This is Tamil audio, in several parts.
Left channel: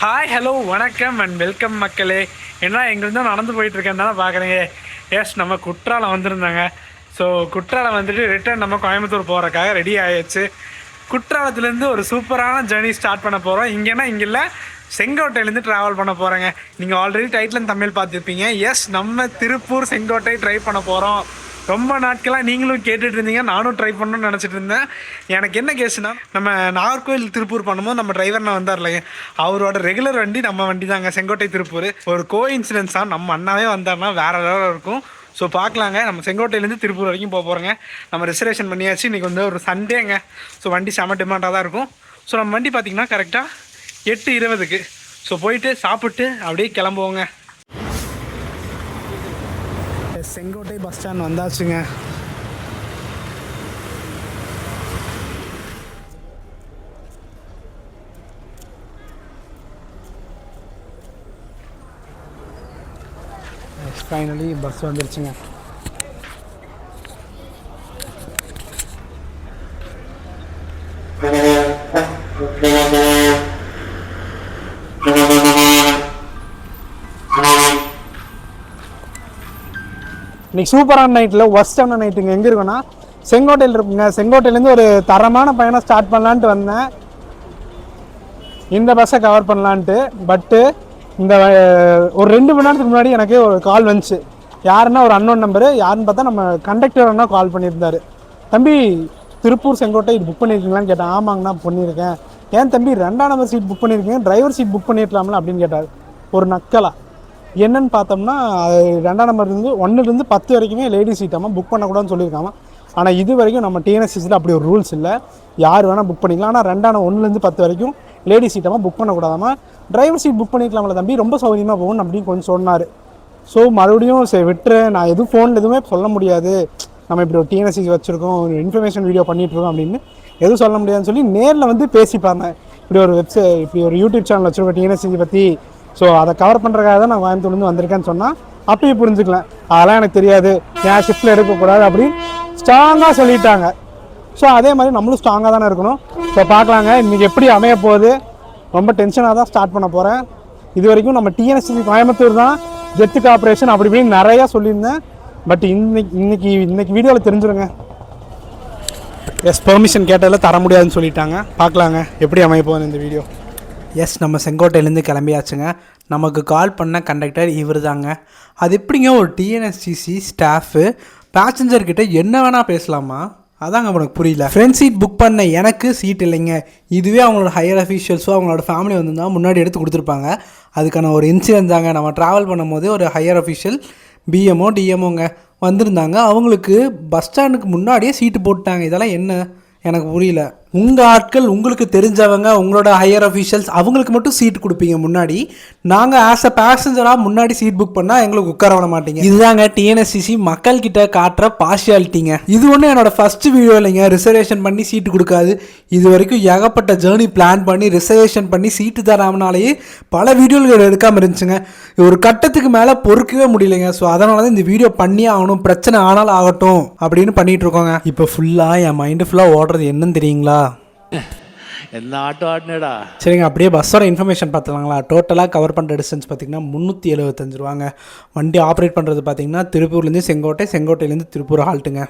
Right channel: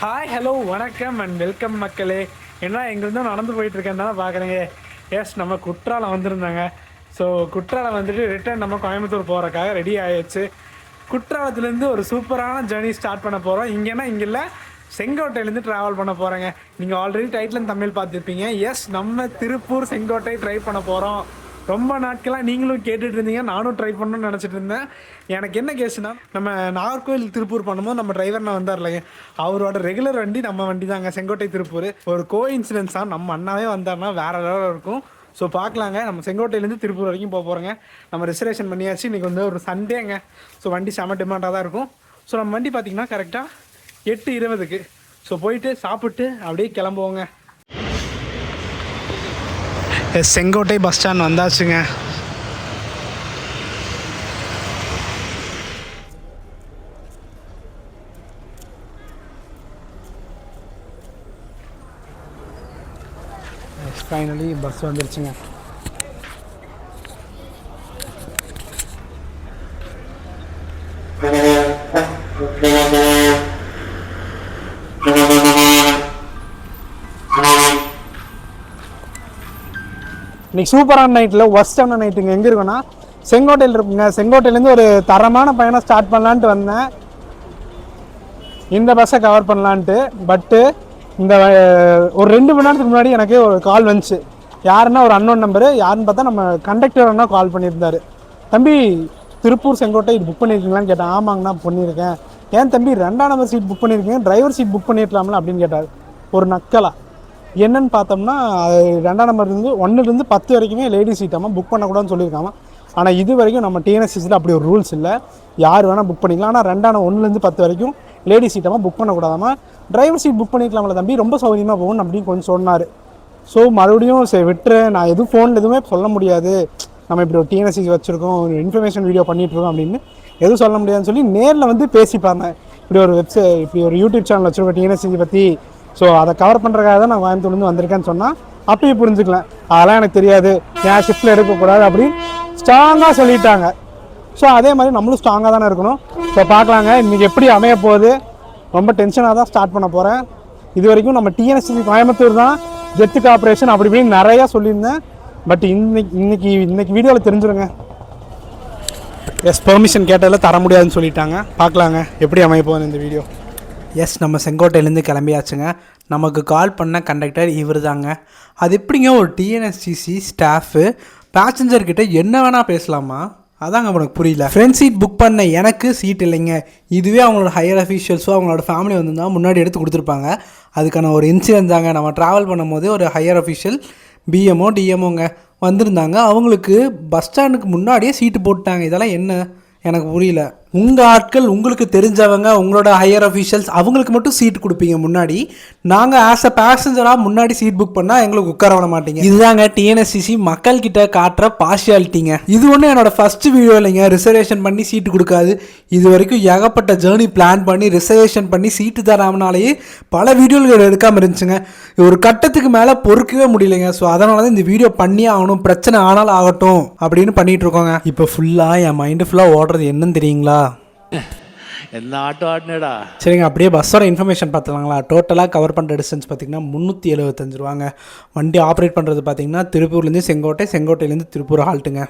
ஹாய் ஹலோ வணக்கம் அண்ட் வெல்கம் மக்களே. ஏன்னா எங்கேருந்தோ நடந்து போயிட்டுருக்கேன் தானே பார்க்குறீங்க. எஸ் நம்ம குற்றாலம் வந்திருந்தாங்க. ஸோ குற்றாலம் வந்துட்டு ரிட்டர்ன் நம்ம கோயம்புத்தூர் போகிறக்காக ரெடி ஆகிடுச்சு. குற்றாலத்துலேருந்து ஒரு சூப்பரான ஜேர்னி ஸ்டார்ட் பண்ண போகிறோம். இங்கேனா இங்கே இல்லை, செங்கோட்டையிலேருந்து ட்ராவல் பண்ண போகிறேங்க. நீங்கள் ஆல்ரெடி டைட்டில் தமிழ் பார்த்துருப்பீங்க. எஸ் நம்ம திருப்பூர் செங்கோட்டை ட்ரை பண்ண போகிறோம். ரொம்ப நாட்களாக நீங்களும் கேட்டுட்டு இருந்தீங்க, நானும் ட்ரை பண்ணணும்னு நினச்சிட்டு இருந்தேன். எனக்கு என்ன கேஸுனா, நம்ம நாகர்கோவில் திருப்பூர் பண்ணும்போது நம்ம டிரைவர் வந்தார் இல்லைங்க, அவரோட ரெகுலர் வண்டி நம்ம வண்டி தாங்க, செங்கோட்டை திருப்பூர். ஒரு கோ இன்சிடென்ஸாக நம்ம அண்ணாவே வந்தார்னா வேறு லெவலில் இருக்கும். ஸோ பார்க்கலாங்க. நம்ம செங்கோட்டையிலேருந்து திருப்பூர் வரைக்கும் போக போகிறோங்க. நம்ம ரிசர்வேஷன் பண்ணியாச்சு. இன்றைக்கி வந்து ஒரு சண்டேங்க. ஸோ வண்டி செம டிமாண்டாக தான் இருக்கும். ஸோ நம்ம வண்டி பார்த்திங்கன்னா கரெக்டாக 8:20க்கு. ஸோ போயிட்டு சாப்பிட்டு அப்படியே கிளம்புவோங்க. செங்கோட்டை பஸ் ஸ்டாண்ட் வந்தாச்சுங்க. ஃபைனலி பஸ் வந்துருச்சுங்க. இன்றைக்கி சூப்பரான நைட்டில் ஒர்ஸ்டான நைட்டுங்க. எங்கே இருக்குன்னா செங்கோட்டையில் இருக்குங்க. செங்கோட்டையிலேருந்து ஒரு தரமான பயணம் ஸ்டார்ட் பண்ணலான்ட்டு வந்தேன், இந்த பஸ்ஸை கவர் பண்ணலான்ட்டு. பட்டு இந்த ஒரு 2 மணி நேரத்துக்கு முன்னாடி எனக்கு ஒரு கால் வந்துச்சு. யாருன்னா ஒரு அன்னோன் நம்பரு. யாருன்னு பார்த்தா நம்ம கண்டக்டர் அண்ணா கால் பண்ணியிருந்தார். தம்பி திருப்பூர் செங்கோட்டை இது புக் பண்ணியிருக்கீங்களான்னு கேட்டேன். ஆமாங்கண்ணா பண்ணியிருக்கேன். ஏன் தம்பி 2ஆம் நம்பர் சீட் புக் பண்ணியிருக்கீங்க, டிரைவர் சீட் புக் பண்ணியிருக்கலாம்ல அப்படின்னு கேட்டார். ஒரு நக்கலா என்னன்னு பார்த்தோம்னா, 2ஆம் நம்பர்லேருந்து 1லேருந்து 10 வரைக்குமே லேடிஸ் சீட்டாமல் புக் பண்ணக்கூடாதுன்னு சொல்லியிருக்காங்க. ஆனால் இது வரைக்கும் நம்ம டிஎன்எஸ்சிஸில் அப்படி ஒரு ரூல்ஸ் இல்லை. யார் வேணால் புக் பண்ணிக்கலாம். ஆனால் 1லேருந்து 10 வரைக்கும் லேடிஸ் சீட்டாமல் புக் பண்ணக்கூடாதாமல். டிரைவர் சீட் புக் பண்ணிக்கலாம்ல தம்பி, ரொம்ப சௌகரியமாக போகணும் அப்படின்னு கொஞ்சம் சொன்னார். ஸோ மறுபடியும் சரி விட்டுறேன், நான் எதுவும் ஃபோனில் எதுவுமே சொல்ல முடியாது, நம்ம இப்படி ஒரு டிஎன்எஸ்சி வச்சுருக்கோம், ஒரு இன்ஃபர்மேஷன் வீடியோ பண்ணிகிட்ருக்கோம் அப்படின்னு எதுவும் சொல்ல முடியாதுன்னு சொல்லி நேரில் வந்து பேசிப்பாங்க. இப்படி ஒரு இப்படி ஒரு யூடியூப் சேனல் வச்சுருக்கோம் டிஎன்எஸ்சி பற்றி, ஸோ அதை கவர் பண்ணுறதுக்காக தான் நான் கோயம்புத்தூர்லேருந்து வந்திருக்கேன்னு சொன்னால் அப்பயே புரிஞ்சுக்கலாம். அதெல்லாம் எனக்கு தெரியாது, என் ஷிஃப்ட்டில் எடுக்கக்கூடாது அப்படின்னு ஸ்ட்ராங்காக சொல்லிட்டாங்க. ஸோ அதே மாதிரி நம்மளும் ஸ்ட்ராங்காக தானே இருக்கணும். ஸோ பார்க்கலாங்க இன்றைக்கி எப்படி அமைய போகுது. ரொம்ப டென்ஷனாக தான் ஸ்டார்ட் பண்ண போகிறேன். இது வரைக்கும் நம்ம டிஎன்எஸ்சி கோயம்புத்தூர் தான் ஜெத்து கார்பரேஷன் அப்படி இப்படின்னு நிறையா சொல்லியிருந்தேன். பட் இன்னைக்கு வீடியோவில் தெரிஞ்சிருங்க. எஸ் பெர்மிஷன் கேட்டதில் தர முடியாதுன்னு சொல்லிட்டாங்க. பார்க்கலாங்க எப்படி அமைய போகுது இந்த வீடியோ. எஸ் நம்ம செங்கோட்டையிலேருந்து கிளம்பியாச்சுங்க. நமக்கு கால் பண்ண கண்டக்டர் இவர் தாங்க. அது எப்படிங்க ஒரு டிஎன்எஸ்டிசி ஸ்டாஃபு பேசஞ்சர்கிட்ட என்ன வேணால் பேசலாமா? அதாங்க உனக்கு புரியல. ஃப்ரெண்ட் சீட் புக் பண்ண எனக்கு சீட் இல்லைங்க. இதுவே அவங்களோட ஹையர் அஃபீஷியல்ஸோ அவங்களோட ஃபேமிலி வந்திருந்தால் முன்னாடி எடுத்து கொடுத்துருப்பாங்க. அதுக்கான ஒரு இன்சிடென்ட் தாங்க. நம்ம ட்ராவல் பண்ணும்போது ஒரு ஹையர் அஃபீஷியல் பிஎம்ஓ டிஎம்ஓங்க வந்திருந்தாங்க. அவங்களுக்கு பஸ் ஸ்டாண்டுக்கு முன்னாடியே சீட்டு போட்டாங்க. இதெல்லாம் என்ன எனக்கு புரியல. உங்கள் ஆட்கள் உங்களுக்கு தெரிஞ்சவங்க உங்களோட ஹையர் அஃபீஷியல்ஸ் அவங்களுக்கு மட்டும் சீட் கொடுப்பீங்க முன்னாடி. நாங்கள் ஆஸ் அ பேசஞ்சராக முன்னாடி சீட் புக் பண்ணால் எங்களுக்கு உட்கார விட மாட்டீங்க. இதுதாங்க டிஎன்எஸ்சிசி மக்கள்கிட்ட காட்டுற பார்ஷியாலிட்டிங்க. இது ஒன்று என்னோட ஃபஸ்ட்டு வீடியோ இல்லைங்க. ரிசர்வேஷன் பண்ணி சீட்டு கொடுக்காது. இது வரைக்கும் ஏகப்பட்ட ஜேர்னி பிளான் பண்ணி ரிசர்வேஷன் பண்ணி சீட்டு தராமனாலேயே பல வீடியோகள் எடுக்காமல் இருந்துச்சுங்க. ஒரு கட்டத்துக்கு மேலே பொறுக்கவே முடியலைங்க. ஸோ அதனால தான் இந்த வீடியோ பண்ணியே ஆகணும், பிரச்சனை ஆனாலும் ஆகட்டும் அப்படின்னு பண்ணிட்டு இருக்கோங்க. இப்போ ஃபுல்லாக என் மைண்டு ஃபுல்லாக ஓடுறது என்னன்னு தெரியுங்களா? என்ன ஆட்டோ ஆடினடா. சரிங்க, அப்படியே பஸ்ஸோட இன்ஃபர்மேஷன் பார்த்துலாங்களா. டோட்டலாக கவர் பண்ணுற டிஸ்டன்ஸ் பார்த்திங்கன்னா 375 ரூபாங்க. வண்டி ஆப்ரேட் பண்ணுறது பார்த்திங்கன்னா திருப்பூர்லேருந்து செங்கோட்டை, செங்கோட்டையிலேருந்து திருப்பூர் ஹால்ட்டுங்க.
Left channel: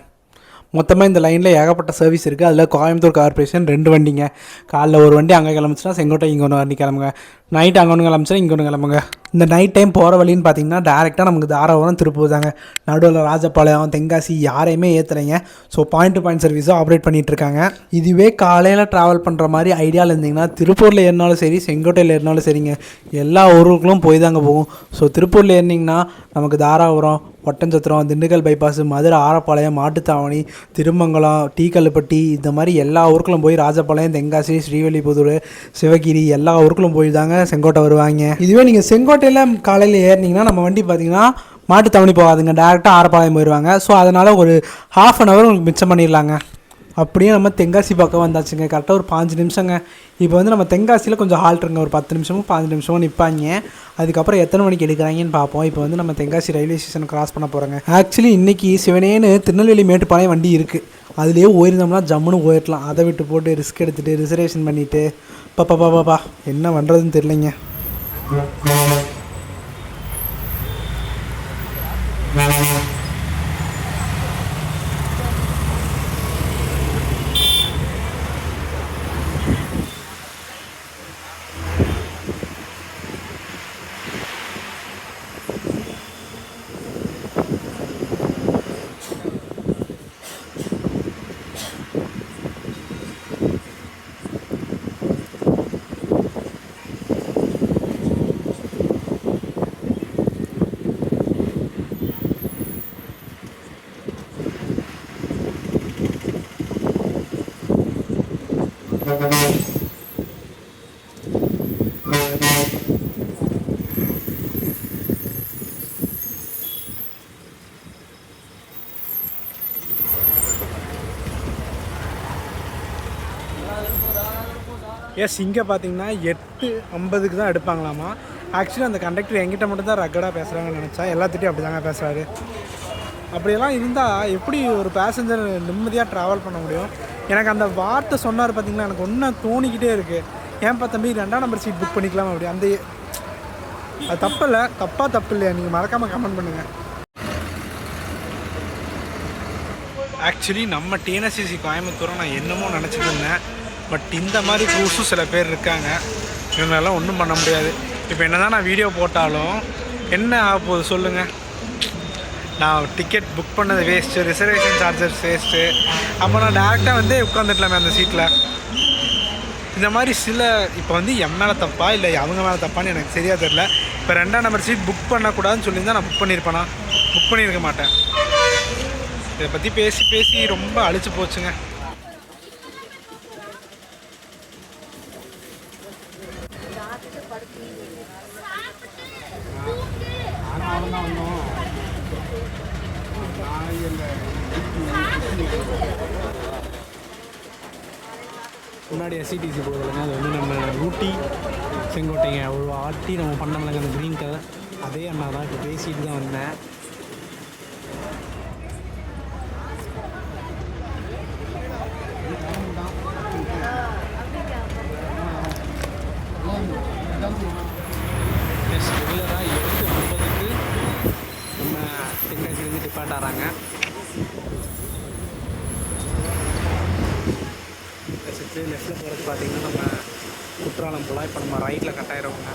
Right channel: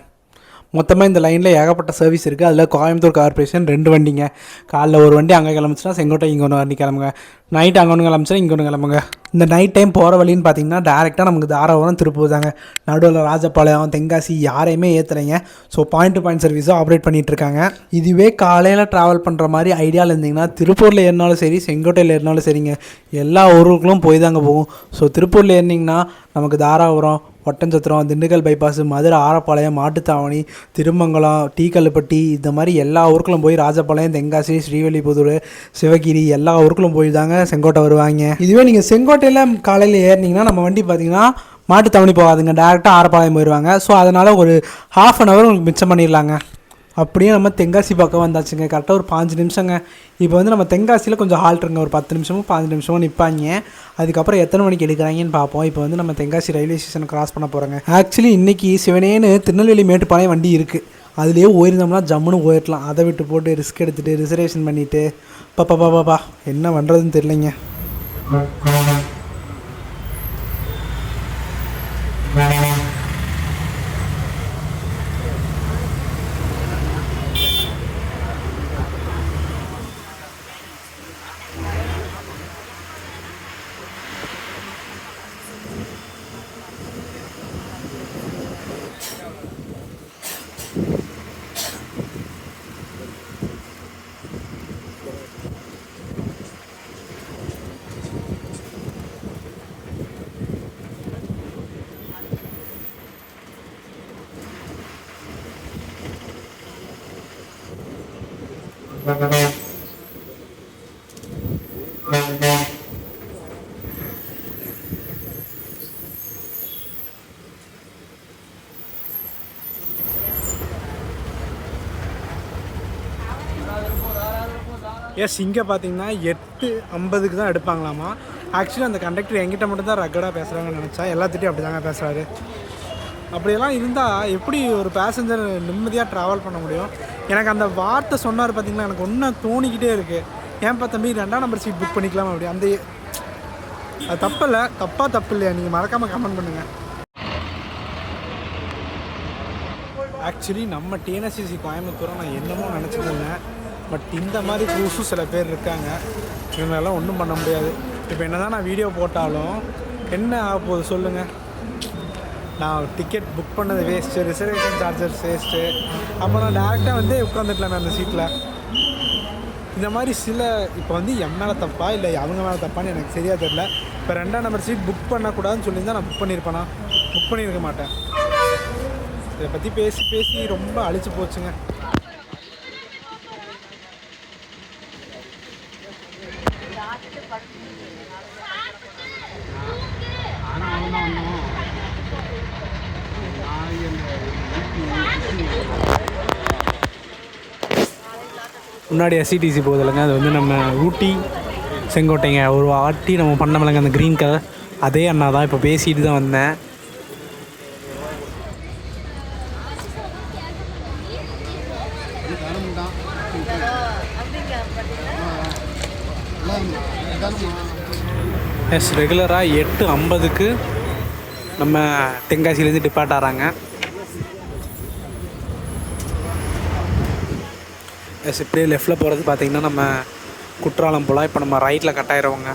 மொத்தமாக இந்த லைனில் ஏகப்பட்ட சர்வீஸ் இருக்குது. அதில் கோயம்புத்தூர் கார்பரேஷன் 2 வண்டிங்க. காலைல ஒரு வண்டி அங்கே கிளம்பிச்சுன்னா செங்கோட்டை இங்கே ஒன்று வண்டி கிளம்புங்க. நைட் அங்கே ஒன்று கிளம்பிச்சுன்னா இங்கே ஒன்று கிளம்புங்க. இந்த நைட் டைம் போகிற வழின்னு பார்த்தீங்கன்னா டேரெக்டாக நமக்கு தாராபுரம் திருப்பூர் தாங்க. நடுவில் ராஜபாளையம் தென்காசி யாரையுமே ஏற்றுறீங்க. ஸோ பாயிண்ட் டு பாயிண்ட் சர்வீஸாக ஆப்ரேட் பண்ணிகிட்ருக்காங்க. இதுவே காலையில் ட்ராவல் பண்ணுற மாதிரி ஐடியாவில் இருந்தீங்கன்னா திருப்பூரில் ஏறினாலும் சரி, செங்கோட்டையில் ஏறினாலும் சரிங்க, எல்லா ஊருக்குள்ளும் போய் தாங்க போகும். ஸோ திருப்பூரில் ஏறினீங்கன்னா நமக்கு தாராபுரம், ஒட்டஞ்சத்திரம், திண்டுக்கல் பைபாஸ், மதுரை ஆரப்பாளையம், மாட்டுத்தாவணி, திருமங்கலம், டீக்கல்லுப்பட்டி, இந்த மாதிரி எல்லா ஊருக்குள்ளும் போய் ராஜபாளையம், தென்காசி, ஸ்ரீவில்லிபுத்தூர், சிவகிரி எல்லா ஊருக்குள்ளும் போய் தாங்க செங்கோட்டை வருவாங்க. இதுவே நீங்கள் செங்கோட்டையில் காலையில் ஏறினீங்கன்னா நம்ம வண்டி பார்த்தீங்கன்னா மாட்டுத்தாவணி போகாதுங்க, டேரெக்டாக ஆரப்பாளையம் போயிடுவாங்க. ஸோ அதனால் ஒரு ½ அன் ஹவர் உங்களுக்கு மிச்சம் பண்ணிடலாங்க. அப்படியே நம்ம தென்காசி பக்கம் வந்தாச்சுங்க. கரெக்டாக ஒரு 5 நிமிஷங்க. இப்போ வந்து நம்ம தென்காசியில் கொஞ்சம் ஹால்ட்டுருங்க, ஒரு 10 நிமிஷமும் 15 நிமிஷமும் நிற்பாங்க. அதுக்கப்புறம் எத்தனை மணிக்கு எடுக்கிறாங்கன்னு பார்ப்போம். இப்போ வந்து நம்ம தென்காசி ரயில்வே ஸ்டேஷனை கிராஸ் பண்ண போகிறோங்க. ஆக்சுவலி இன்றைக்கி சிவனேன்னு திருநெல்வேலி மேட்டுப்பாளையம் வண்டி இருக்குது. அதுலேயே போயிருந்தோம்னா ஜம்முன்னு போயிடலாம். அதை விட்டு போட்டு ரிஸ்க் எடுத்துகிட்டு ரிசர்வேஷன் பண்ணிவிட்டு பாப்பா என்ன பண்ணுறதுன்னு தெரியலைங்க. எஸ், இங்கே பார்த்தீங்கன்னா 8:50 தான் எடுப்பாங்களாமா. ஆக்சுவலி அந்த கண்டக்டர் என்கிட்ட மட்டும் தான் ரக்கடாக பேசுகிறாங்கன்னு நினச்சா, எல்லாத்திட்டையும் அப்படி தாங்க பேசுகிறாரு. அப்படியெல்லாம் இருந்தால் எப்படி ஒரு பேசஞ்சர் நிம்மதியாக ட்ராவல் பண்ண முடியும்? எனக்கு அந்த வார்த்தை சொன்னார் பார்த்தீங்களா, எனக்கு ஒன்றும் தோணிக்கிட்டே இருக்குது. ஏன்ப்பா தம்பி 2ஆம் நம்பர் சீட் புக் பண்ணிக்கலாம் அப்படி. அந்த அது தப்பு இல்லை, தப்பு இல்லையா? நீங்கள் மறக்காமல் கமெண்ட் பண்ணுங்கள். ஆக்சுவலி நம்ம டிஎன்எஸ்சிசி கோயம்புத்தூரை நான் என்னமோ நினச்சிட்டு இருந்தேன். பட் இந்த மாதிரி க்ரூஸும் சில பேர் இருக்காங்க. இவங்களெல்லாம் ஒன்றும் பண்ண முடியாது. இப்போ என்ன தான் நான் வீடியோ போட்டாலும் என்ன ஆக போகுது சொல்லுங்கள்? நான் டிக்கெட் புக் பண்ணது வேஸ்ட்டு, ரிசர்வேஷன் சார்ஜஸ் வேஸ்ட்டு. அப்போ நான் டேரெக்டாக வந்து உட்காந்துக்கலாமே அந்த சீட்டில். இந்த மாதிரி சில இப்போ வந்து என் மேலே தப்பா இல்லை அவங்க மேலே தப்பான்னு எனக்கு சரியாக தெரில. இப்போ 2ஆம் நம்பர் சீட் புக் பண்ணக்கூடாதுன்னு சொல்லியிருந்தால் நான் புக் பண்ணியிருப்பேனா? புக் பண்ணியிருக்க மாட்டேன். இதை பற்றி பேசி பேசி ரொம்ப அழிச்சு போச்சுங்க. முன்னாடி எஸ்சிடிசி போகுது இல்லைங்க, அது வந்து நம்ம ஊட்டி செங்கோட்டைங்க ஒரு ஆட்டி நம்ம பண்ணமில்லைங்க அந்த க்ரீன் கலர். அதே அண்ணா தான். இப்போ பேசிட்டு தான் வந்தேன். எஸ், ரெகுலராக 8:50 நம்ம தென்காசிலேருந்து டிபார்ட் ஆகிறாங்க. எஸ், இப்படியே லெஃப்டில் போகிறது பார்த்திங்கன்னா நம்ம குற்றாலம் போல். இப்போ நம்ம ரைட்டில் கட் ஆயிடுவோங்க.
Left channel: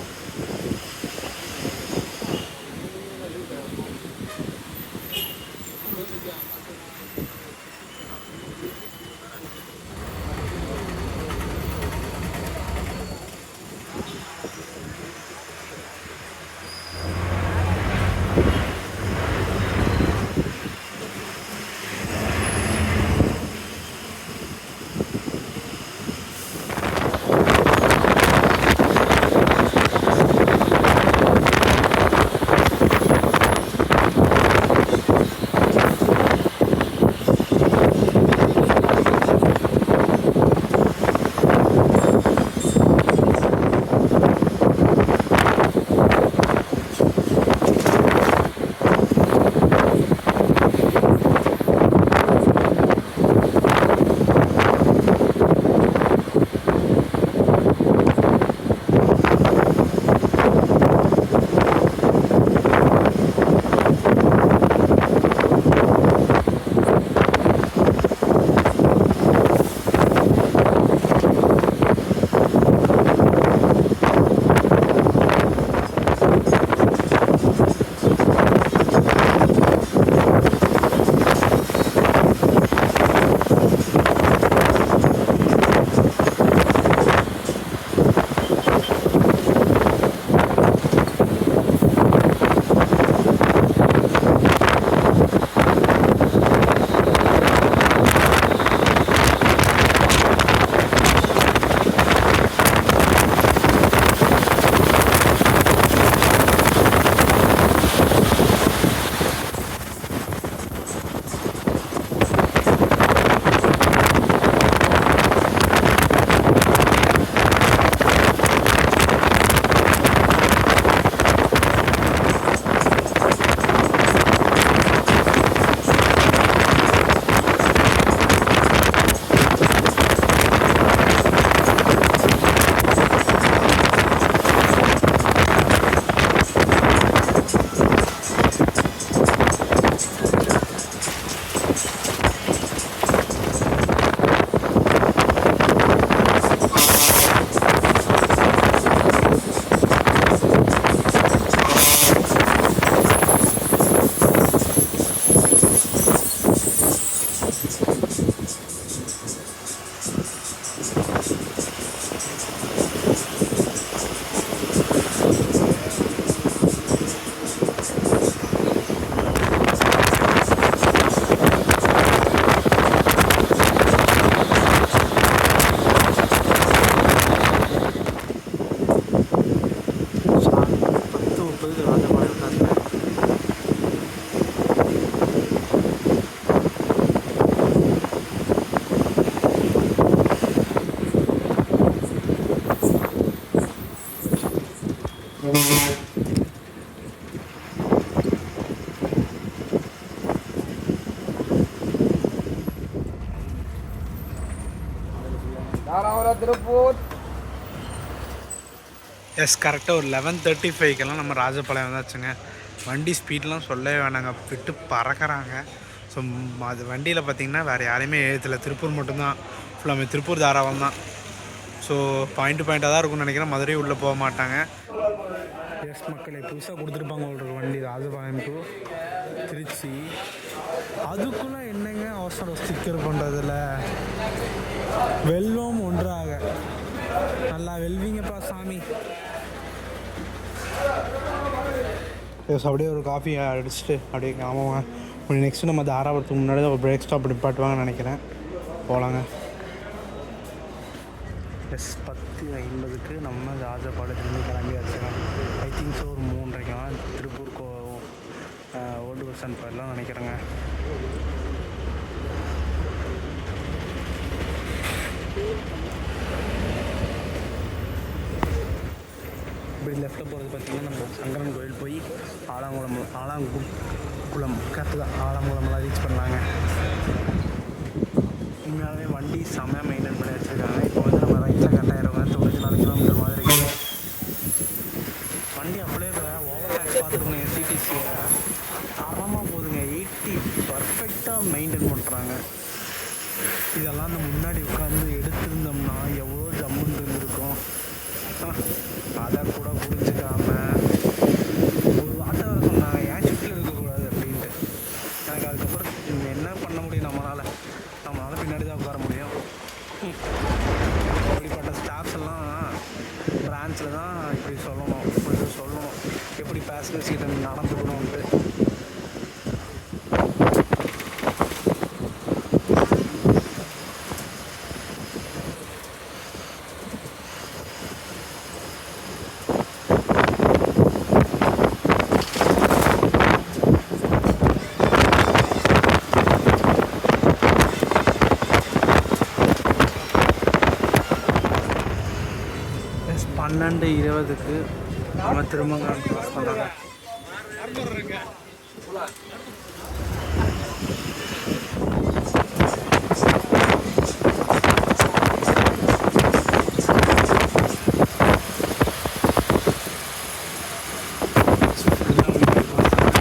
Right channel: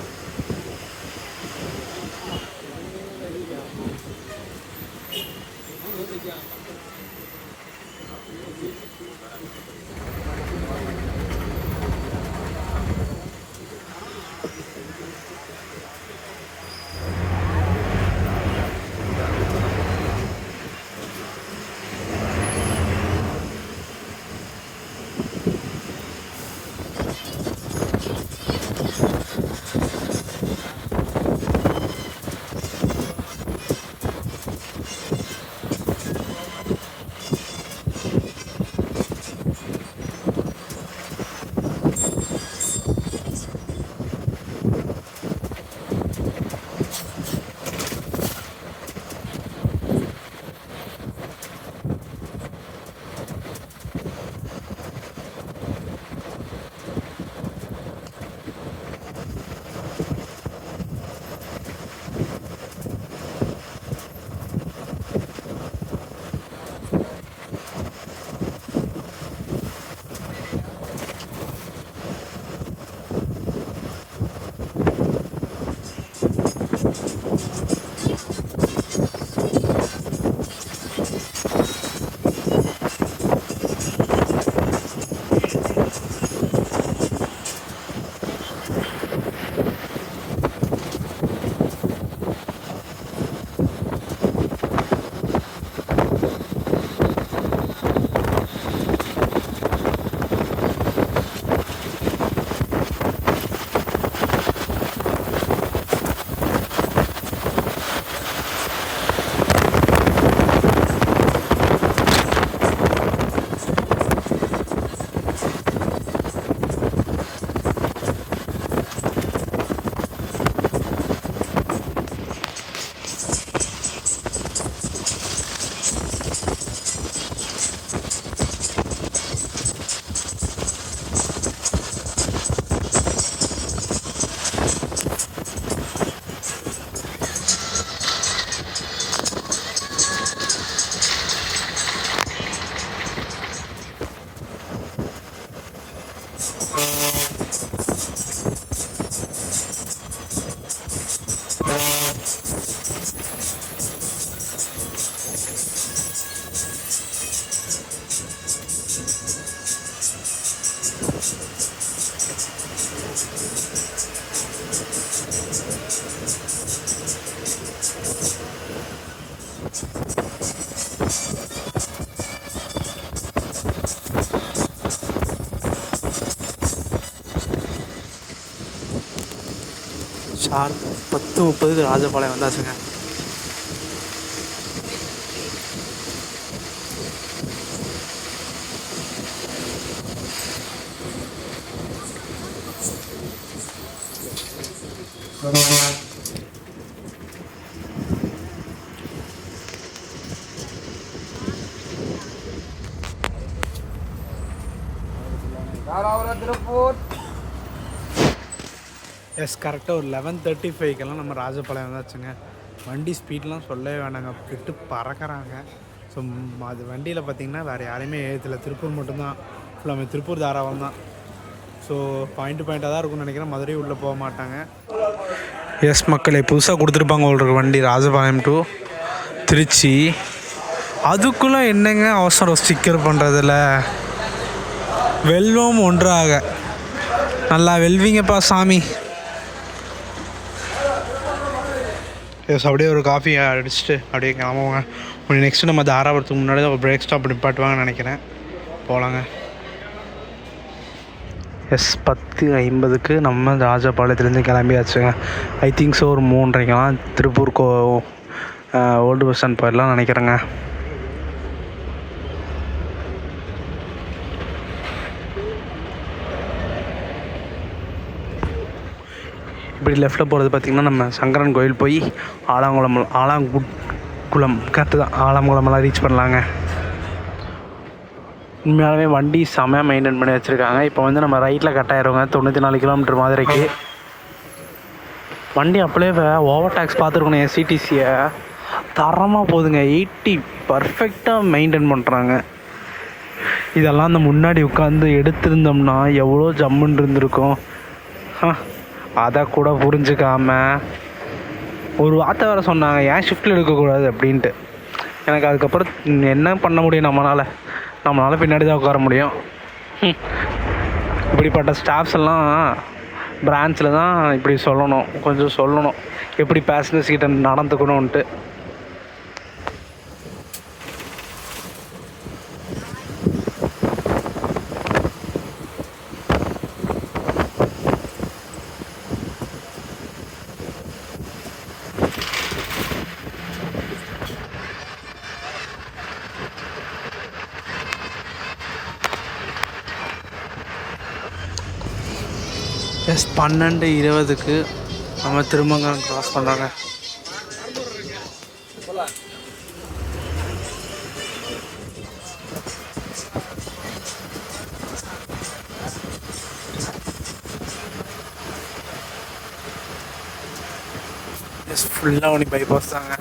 10:30 ராஜபாளையம் வந்தாச்சுங்க. எஸ், கரெக்டாக ஒரு 11:35க்கெல்லாம் நம்ம ராஜபாளையம் வந்தாச்சுங்க. வண்டி ஸ்பீட்லாம் சொல்லவே வேணாங்க, விட்டு பறக்கிறாங்க. ஸோ அது வண்டியில் பார்த்திங்கன்னா வேறு யாரையுமே ஏற்றல, திருப்பூர் மட்டும்தான். ஃபுல்லாமே திருப்பூர் தாராளம் தான். ஸோ பாயிண்ட்டாக தான் இருக்கும்னு நினைக்கிறேன். மதுரை உள்ளே போக மாட்டாங்க. எஸ் மக்களே, புதுசாக கொடுத்துருப்பாங்க உங்களுக்கு வண்டி ராஜபாளையம் டு திருச்சி. அதுக்குள்ளே என்னங்க அவசரம் ஸ்டிக்கர் பண்ணுறதில்ல? வெல்வம் ஒன்றாக நல்லா வெல்விங்கப்பா சாமி. எஸ், அப்படியே ஒரு காஃபி அடிச்சுட்டு அப்படியே கிளம்புவாங்க. நெக்ஸ்ட்டு நம்ம தாராபுரத்துக்கு முன்னாடி தான் ஒரு பிரேக் ஸ்டாப் நிப்பாட்டுவாங்கன்னு நினைக்கிறேன். போகலாங்க. எஸ், 10:50க்கு நம்ம ராஜபாளையத்துலேருந்து கிளம்பியாச்சுங்க. ஐ திங்க் ஸோ ஒரு 3:30க்கெல்லாம் திருப்பூர் ஓல்டு பஸ் ஸ்டாண்ட் போயிடலாம் நினைக்கிறேங்க. இப்படி லெஃப்ட்டில் போகிறது பார்த்திங்கன்னா நம்ம சங்கரன் கோயில் போய் ஆலாங்குளம் கரெக்டு தான், ஆலாங்குளமெல்லாம் ரீச் பண்ணலாங்க. உண்மையாலுமே வண்டி செம்மையாக மெயின்டைன் பண்ணி வச்சுருக்காங்க. இப்போ வந்து நம்ம ரைட்டில் கட் ஆகிடுவோங்க 94 கிலோமீட்டர் மாதிரிக்கு. வண்டி அப்படியே ஓவர் டேக்ஸ் பார்த்துருக்கணும். எஸ்சிடிசியை தரமாக போகுதுங்க. 80 பர்ஃபெக்டாக மெயின்டைன் பண்ணுறாங்க. இதெல்லாம் அந்த முன்னாடி உட்காந்து எடுத்திருந்தோம்னா எவ்வளோ ஜம்முன்னு இருந்திருக்கும். அதை கூட புரிஞ்சுக்காம ஒரு வார்த்தை வேறு சொன்னாங்க, ஏன் ஷிஃப்ட்டில் எடுக்கக்கூடாது அப்படின்ட்டு. எனக்கு அதுக்கப்புறம் என்ன பண்ண முடியும்? நம்மளால் பின்னாடி தான் உட்கார முடியும். இப்படிப்பட்ட ஸ்டாஃப்ஸ் எல்லாம் பிரான்ச்சில் தான் இப்படி கொஞ்சம் சொல்லணும் எப்படி பேசஞ்சர்ஸ் கிட்ட நடந்துக்கணுன்ட்டு. எஸ், 12:20க்கு நம்ம திருமங்கலம் க்ராஸ் பண்ணாங்க. எஸ், ஃபுல்லாக ஒளி பைபாஸ் தாங்க.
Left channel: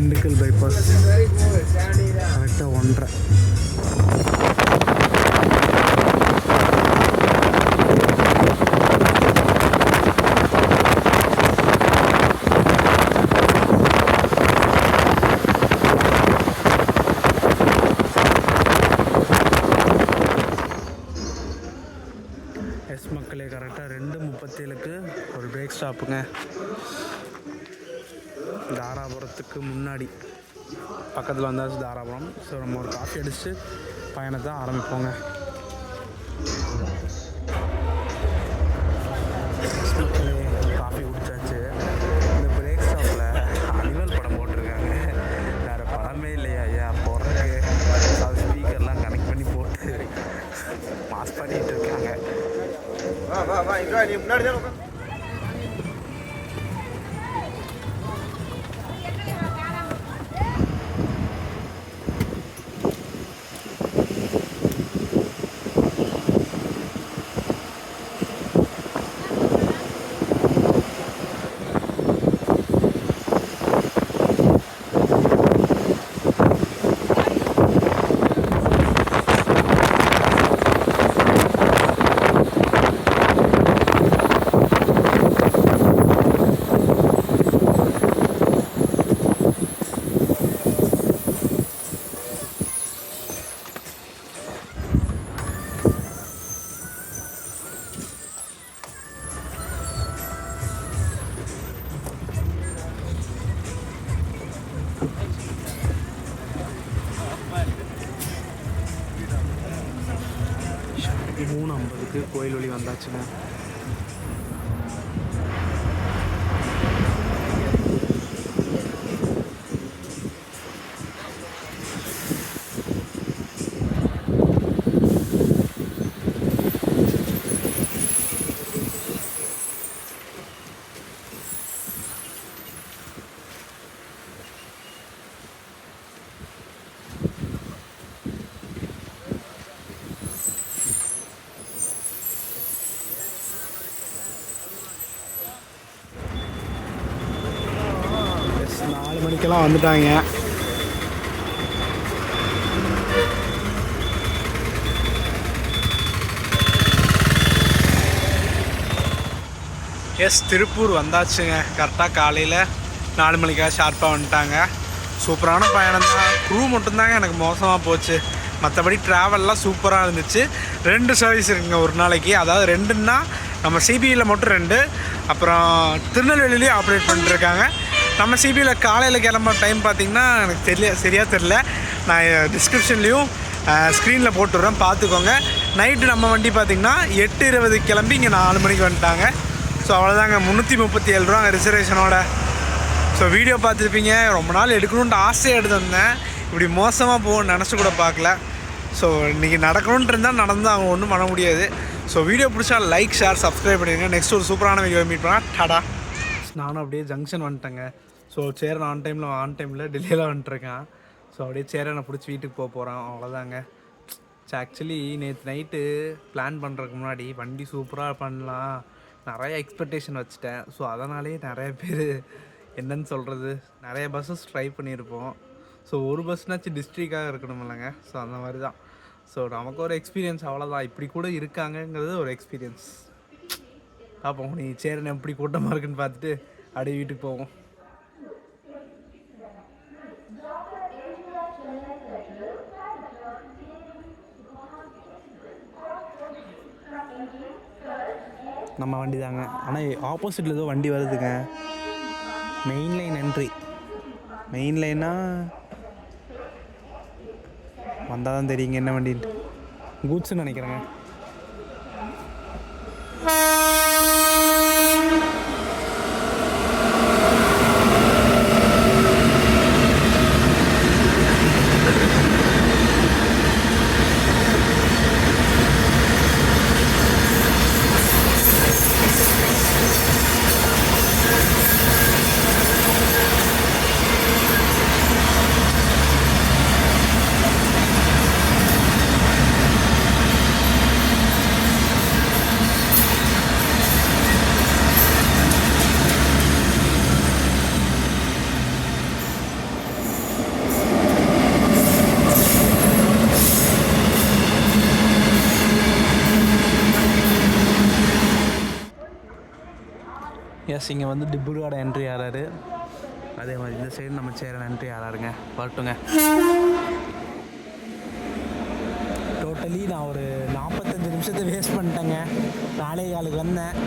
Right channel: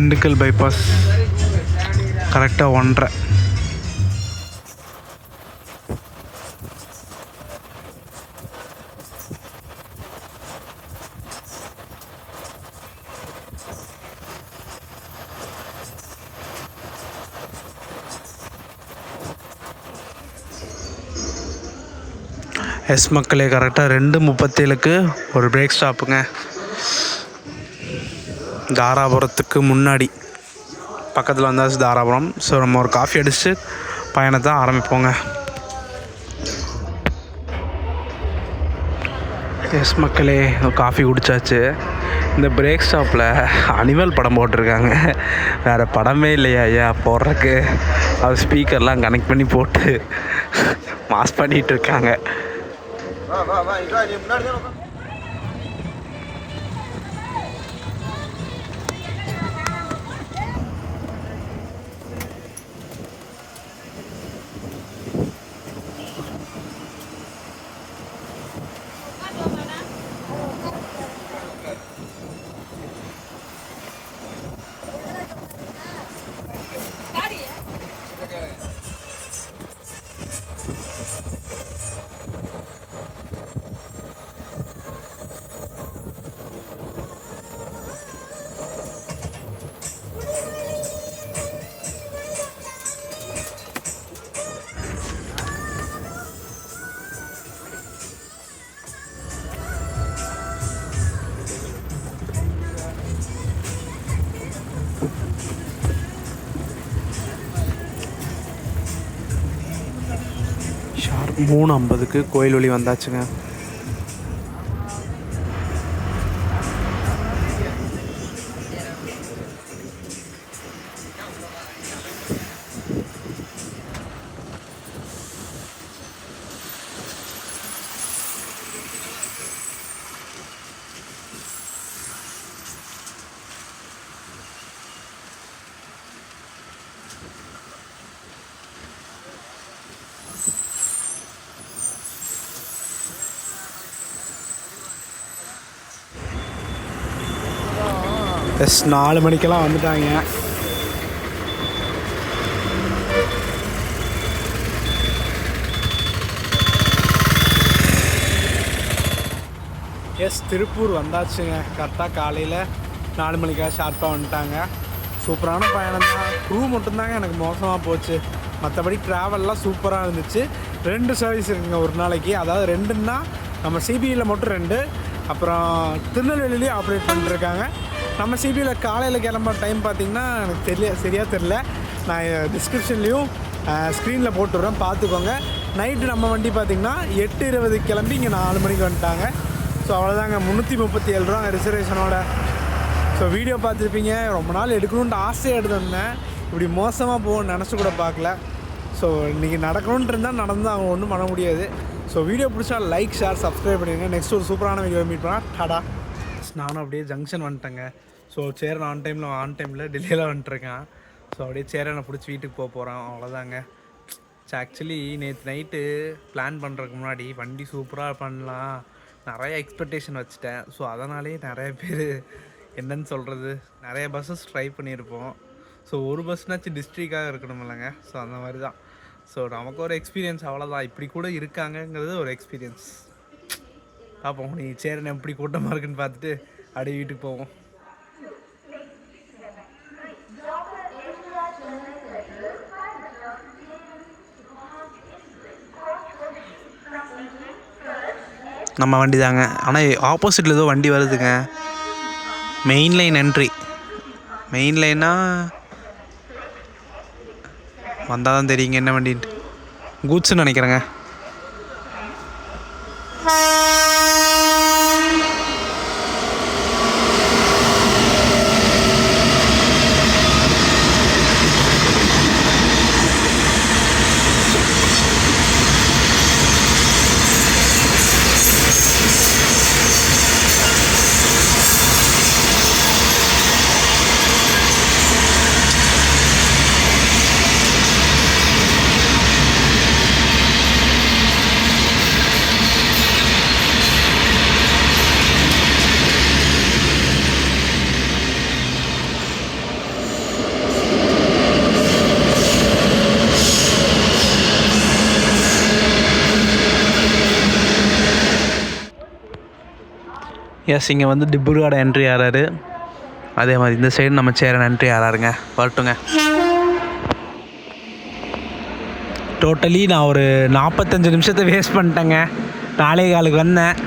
திண்டுக்கல் பைபாஸ் கரெக்டாக 1:30. எஸ் மக்களே, கரெக்டாக 2:37க்கு ஒரு பிரேக் ஸ்டாப்புங்க. தாராபுரத்துக்கு முன்னாடி பக்கத்தில் வந்தாச்சு தாராபுரம். ஸோ நம்ம ஒரு காஃபி அடிச்சுட்டு பயணத்தை ஆரம்பிப்போங்க. எஸ் மக்களே, காஃபி குடித்தாச்சு. இந்த பிரேக் ஸ்டாப்பில் அனிமல் படம் போட்டிருக்காங்க. வேறு படமே இல்லையா ஐயா போடுறதுக்கு? அது ஸ்பீக்கர்லாம் கனெக்ட் பண்ணி போட்டு மாஸ் பண்ணிகிட்டு இருக்காங்க. ஷார்ப் 3:50க்கு கோயில் வழி வந்தாச்சுங்க. எஸ் 4 மணிக்கெல்லாம் வந்துட்டாங்க. எஸ் திருப்பூர் வந்தாச்சுங்க. கரெக்டாக காலையில் 4 மணிக்காக ஷார்ப்பாக வந்துட்டாங்க. சூப்பரான பயணம் தான். க்ரூ மட்டும்தாங்க எனக்கு மோசமாக போச்சு. மற்றபடி ட்ராவல்லாம் சூப்பராக இருந்துச்சு. 2 சர்வீஸ் இருக்குங்க ஒரு நாளைக்கு. அதாவது 2ன்னா நம்ம சிபியில் மட்டும் 2, அப்புறம் திருநெல்வேலியிலையும் ஆப்ரேட் பண்ணிட்டுருக்காங்க. நம்ம சிபியில் காலையில் கிளம்ப டைம் பார்த்திங்கன்னா எனக்கு சரியாக தெரில. நான் டிஸ்கிரிப்ஷன்லேயும் ஸ்க்ரீனில் போட்டுடுறேன், பார்த்துக்கோங்க. நைட்டு நம்ம வண்டி பார்த்திங்கன்னா 8:20 கிளம்பி இங்கே 4 மணிக்கு வந்துட்டாங்க. ஸோ அவ்வளோதாங்க, 337 ரூபா ரிசர்வேஷனோட. ஸோ வீடியோ பார்த்துருப்பீங்க. ரொம்ப நாள் எடுக்கணுன்ட்டு ஆசையாக எடுத்துருந்தேன். இப்படி மோசமாக போகணும்னு நினச்சி கூட பார்க்கல. ஸோ இன்றைக்கி நடக்கணுன்ட்டு இருந்தால் நடந்தால் அவங்க ஒன்றும் பண்ண முடியாது. ஸோ வீடியோ பிடிச்சா லைக், ஷேர், சப்ஸ்கிரைப் பண்ணிடுங்க. நெக்ஸ்ட் ஒரு சூப்பரான வீடியோ மீட் பண்ணால் டாடா. நானும் அப்படியே ஜங்ஷன் வந்துட்டேங்க. ஸோ சேரன் ஆன் டைமில் டிலேயில் வந்துட்டுருக்கேன். ஸோ அப்படியே சேரனை பிடிச்சி வீட்டுக்கு போகிறோம். அவ்வளோதாங்க. ஆக்சுவலி நேற்று நைட்டு பிளான் பண்ணுறதுக்கு முன்னாடி வண்டி சூப்பராக பண்ணலாம் நிறைய எக்ஸ்பெக்டேஷன் வச்சுட்டேன். ஸோ அதனாலே நிறைய பேர் என்னன்னு சொல்கிறது, நிறைய பஸ்ஸஸ் ட்ரை பண்ணியிருப்போம். ஸோ ஒரு பஸ்னாச்சும் டிஸ்ட்ரிக்டாக இருக்கணும் இல்லைங்க. ஸோ அந்த மாதிரி தான். ஸோ நமக்கு ஒரு எக்ஸ்பீரியன்ஸ், அவ்வளோதான். இப்படி கூட இருக்காங்கங்கிறது ஒரு எக்ஸ்பீரியன்ஸ். பார்ப்போம் நீ சேரன் எப்படி கூட்டமாக இருக்குன்னு பார்த்துட்டு அப்படியே வீட்டுக்கு போவோம். நம்ம வண்டி தாங்க. ஆனால் ஆப்போசிட்டில் ஏதோ வண்டி வருதுங்க. Main line entry. மெயின் லைன்னா வந்தால் தான் தெரியுங்க என்ன வண்டின்ட்டு. கூட்ஸ்ன்னு நினைக்கிறேங்க. எஸ், இங்கே வந்து டிப்ருகோட என்ட்ரி ஆறாரு. அதே மாதிரி இந்த சைடு நம்ம சேரன் என்ட்ரி ஆறாருங்க. வரட்டுங்க. டோட்டலி நான் ஒரு 45 நிமிஷத்தை வேஸ்ட் பண்ணிட்டேங்க. 4:15 வந்தேன்,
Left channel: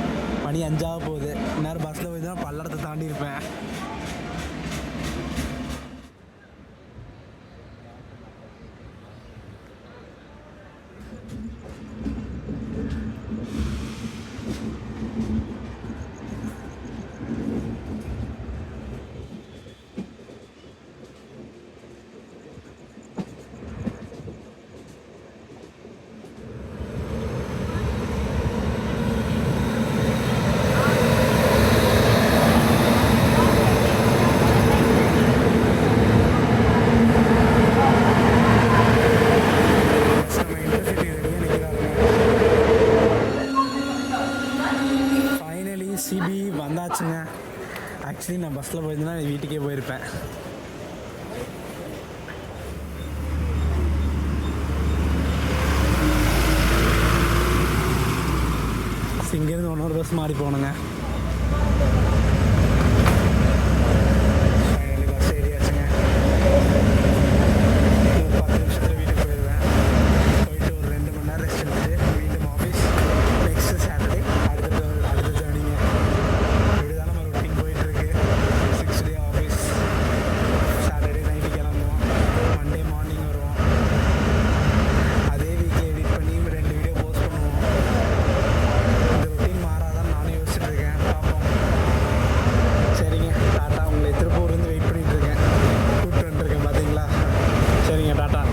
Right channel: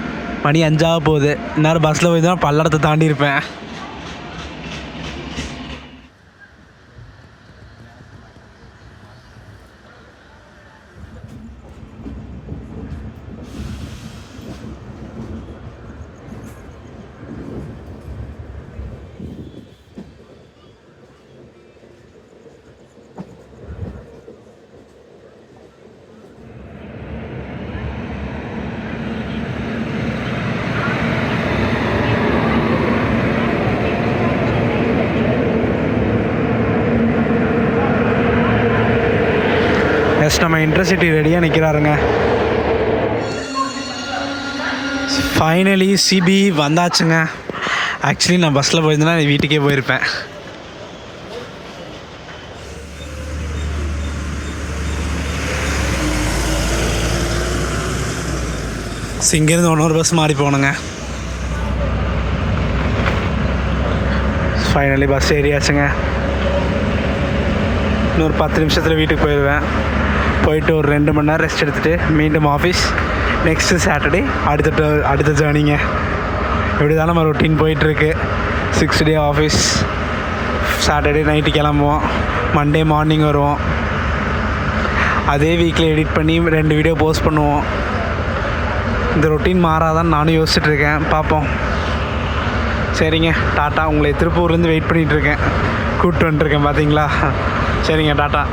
மணி 5 போகுது. இந்நேரம் பஸ்ஸில் போய் தான் பல்லடத்தை தாண்டி இருப்பேன். நம்ம இன்டர்சிட்டி ரெடியாக நிற்கிறாருங்க. ஃபைனலி சிபி வந்தாச்சுங்க. ஆக்சுவலி நான் பஸ்ஸில் போயிருந்தேன்னா வீட்டுக்கே போயிருப்பேன். இங்கேருந்து இன்னொரு பஸ் மாறி போகணுங்க. ஃபைனலி பஸ் ஏறியாச்சுங்க. இன்னொரு 10 நிமிஷத்தில் வீட்டுக்கு போயிடுவேன். போயிட்டு ஒரு 2 மணி நேரம் ரெஸ்ட் எடுத்துகிட்டு மீண்டும் ஆஃபீஸ். நெக்ஸ்ட்டு சாட்டர்டே அடுத்த ஜேர்னிங்க. இப்படி தான் நம்ம ரொட்டீன் போயிட்டுருக்கு. 6 டே ஆஃபீஸ். சாட்டர்டே நைட்டு கிளம்புவோம், மண்டே மார்னிங் வருவோம். அதே வீக்கில் எடிட் பண்ணி 2 வீடியோ போஸ்ட் பண்ணுவோம். இந்த ரொட்டீன் மாறாதான் நானும் யோசிச்சுட்ருக்கேன். பார்ப்போம். சரிங்க, டாட்டா. உங்களை திருப்பூர்லேருந்து வெயிட் பண்ணிகிட்ருக்கேன். கூப்பிட்டு வந்துட்டுருக்கேன் பார்த்தீங்களா. சரிங்க, டாட்டா.